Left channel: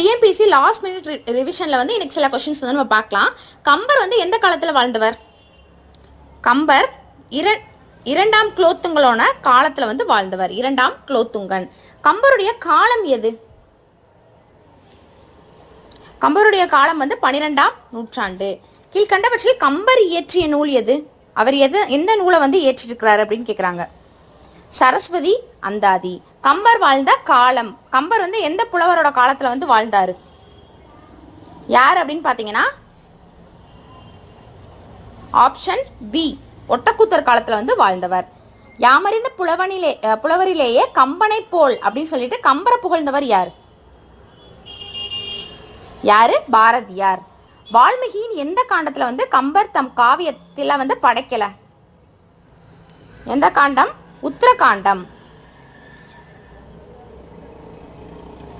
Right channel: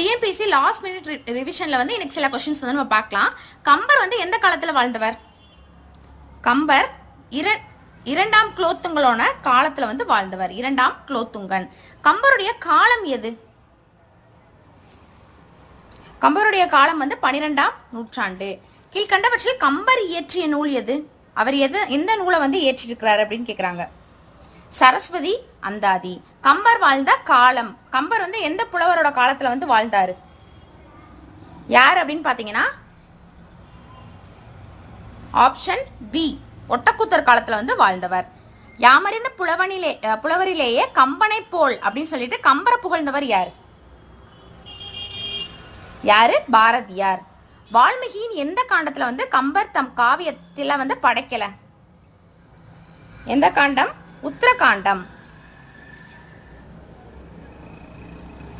TNPSC last minute ரிவிஷன்ல வந்து இன்னைக்கு சில கொஸ்டின்ஸ் வந்து நம்ம பார்க்கலாம். கம்பர் வந்து எந்த காலத்துல வாழ்ந்தவர்? கம்பர் இரண்டாம் குலோத்துங்கனோட காலத்துல வந்து வாழ்ந்தவர். இரண்டாம் குலோத்துங்கன். கம்பருடைய காலம் எது? கம்பருடைய காலம் வந்து 12ஆம் நூற்றாண்டு. கீழ்கண்டவற்றில் கம்பர் இயற்றிய நூல் எது? அவர் எந்த நூலை வந்து ஏற்றிருக்கிறார் அப்படின்னு கேக்குறாங்க. சரஸ்வதி அந்தாதி. கம்பர் வாழ்ந்த காலம், கம்பர் வந்து எந்த புலவரோட காலத்துல வந்து வாழ்ந்தாரு? யார் அப்படின்னு பாத்தீங்கன்னா ஆப்ஷன் பி, ஒட்டக்கூத்தர் காலத்துல வந்து வாழ்ந்தவர். யாமறிந்த புலவரிலேயே கம்பனை போல் அப்படின்னு சொல்லிட்டு கம்பரை புகழ்ந்தவர் யாரு? யாரு? பாரதியார். வால்மீகியின் எந்த காண்டத்துல வந்து கம்பர் தம் காவியத்துல வந்து படைக்கல? எந்த காண்டம்? உத்தரகாண்டம்.